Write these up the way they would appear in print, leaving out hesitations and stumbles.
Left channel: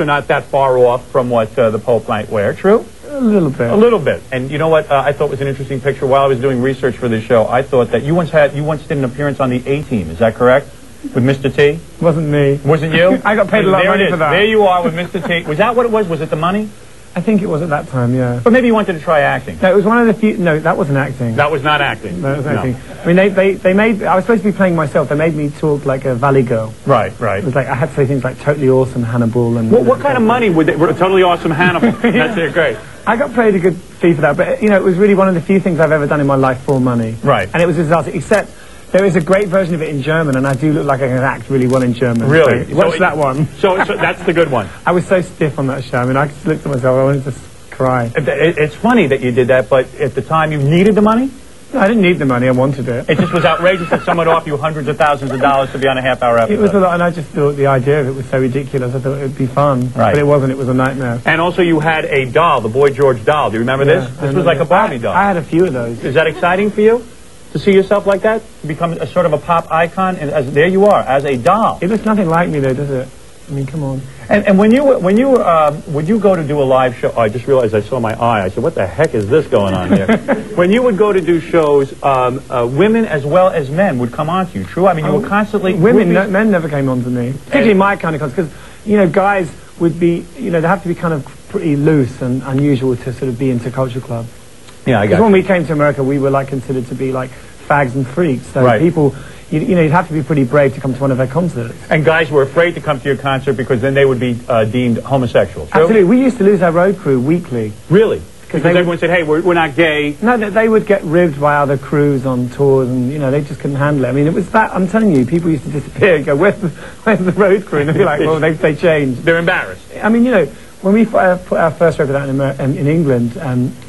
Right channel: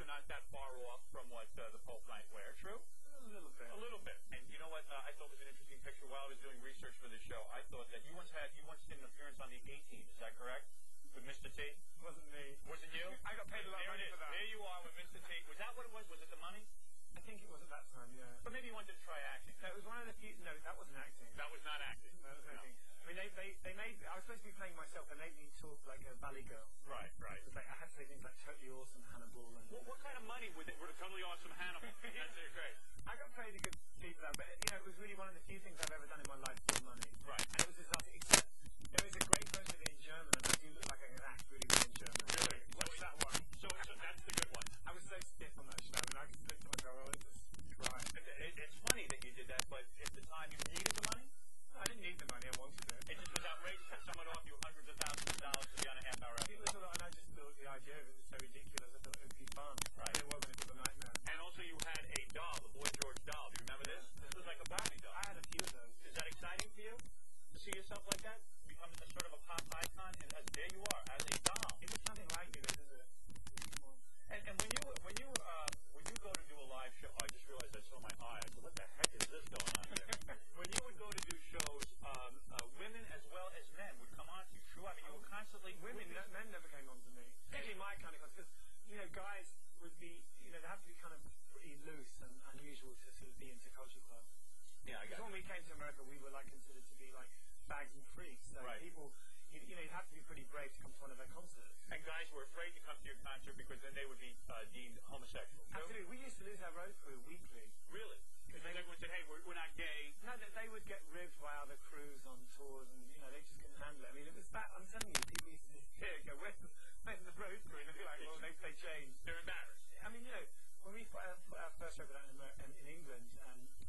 are not that far off from what the Pope might wear, true? A little bit. A little bit. And you know what I thought was an interesting picture while I was doing research for this show? I thought that you once did an appearance on the A-Team, is that correct? With Mr. T? Wasn't me. Wasn't you? I got paid a lot of money for that. There you are with Mr. T. Was that what it was? Was it the money? I think it was at that time, yeah. But maybe you wanted to try acting. No, it was one of the few... No, that wasn't acting. That was not acting. No, it was acting. No. I mean, they made... I was supposed to be playing myself. They made me talk like a valley girl. Right, right. It was like, I had to say things like totally awesome Hannibal and... What kind of money would they... Totally awesome Hannibal. Yeah. That's it, great. I got paid a good fee for that, but, you know, it was really one of the few things I've ever done in my life for money. Right. And it was a disaster, except... There is a great version of it in German, and I do look like I can act really well in German. Really? So watch that one. So that's the good one. I was so stiff on that show. I mean, I just looked at myself, I wanted to cry. It's funny that you did that, but at the time you needed the money? No, I didn't need the money, I wanted it. It just was outrageous that someone offered you hundreds of thousands of dollars to be on a half-hour episode. It was a lot, and I just thought the idea of it was so ridiculous. I thought it would be fun. Right. But it wasn't, it was a nightmare. And also you had a doll, the Boy George doll. Do you remember this? This was like a Barbie doll. I had a few of those. Is that exciting for you? To see yourself like that? To become a sort of a pop icon? And there you are, as a doll. It looks nothing like me though, does it? I mean, come on. And would you go to do a live show? I just realized I saw my eye. I said, what the heck is this going on here? When you would go to do shows, women as well as men would come on to you, true? I mean, you were constantly... Men never came on to me. Particularly my kind of cons, because, you know, guys would be, you know, they have to be kind of pretty loose and unusual to sort of be into culture clubs. Yeah, I got it. Because when we came to America, we were like considered to be like fags and freaks. So right. People, you know, you'd have to be pretty brave to come to one of their concerts. And guys were afraid to come to your concert because then they would be deemed homosexual. True? Absolutely. We used to lose our road crew weekly. Really? Because everyone said, hey, we're not gay. No, they would get ribbed by other crews on tours, and, you know, they just couldn't handle it. I mean, it was that, I'm telling you, people used to disappear and go, where's the road crew? And they'd be like, well, they changed. They're embarrassed. I mean, you know, when we put our first record out in England,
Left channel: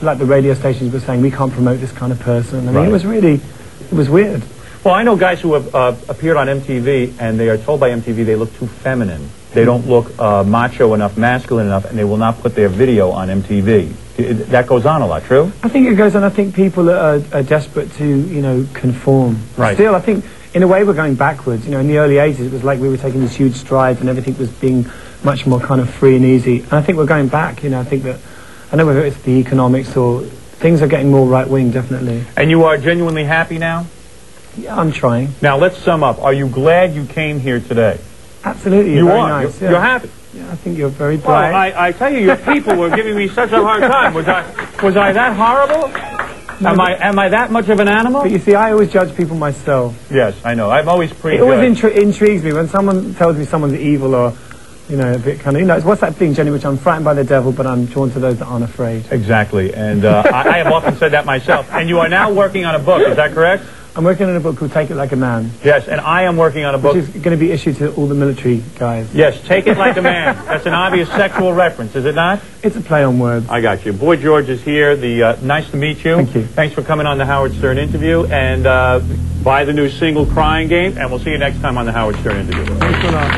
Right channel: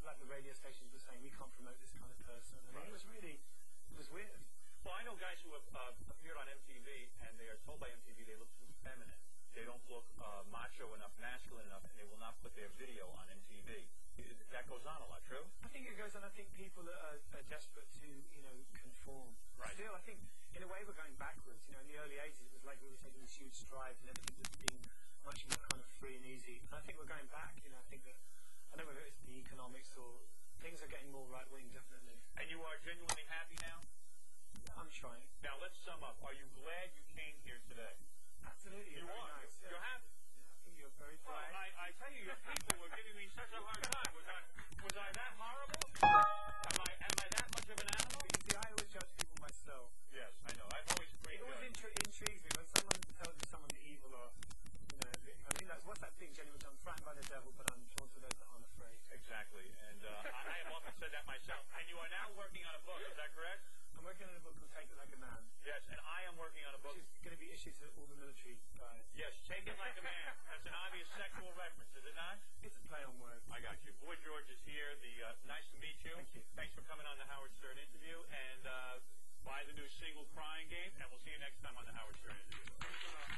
like the radio stations were saying, we can't promote this kind of person. I mean, right. It was weird. Well, I know guys who have appeared on MTV, and they are told by MTV they look too feminine. They don't look macho enough, masculine enough, and they will not put their video on MTV. That goes on a lot, true? I think it goes on. I think people are desperate to, you know, conform. Right. Still, I think, in a way, we're going backwards. You know, in the early 80s, it was like we were taking these huge strides, and everything was being much more kind of free and easy. And I think we're going back, you know. I think that, I don't know whether it's the economics or things are getting more right-wing, definitely. And you are genuinely happy now? Yeah, I'm trying. Now, let's sum up. Are you glad you came here today? Absolutely. You very are. Nice. You're happy. Yeah, I think you're very bright. Well, I tell you, your people were giving me such a hard time. Was I that horrible? No, am I that much of an animal? But you see, I always judge people myself. Yes, I know. I'm always prejudged. It always intrigues me when someone tells me someone's evil or, you know, a bit kind of, you know, what's that thing, Jenny, which I'm frightened by the devil, but I'm drawn to those that aren't afraid. Exactly, and I have often said that myself. And you are now working on a book, is that correct? I'm working on a book called Take It Like a Man. Yes, and I am working on a book... Which is going to be issued to all the military guys. Yes, Take It Like a Man. That's an obvious sexual reference, is it not? It's a play on words. I got you. Boy George is here. Nice to meet you. Thank you. Thanks for coming on the Howard Stern interview. And buy the new single, Crying Game. And we'll see you next time on the Howard Stern interview. Thanks a lot.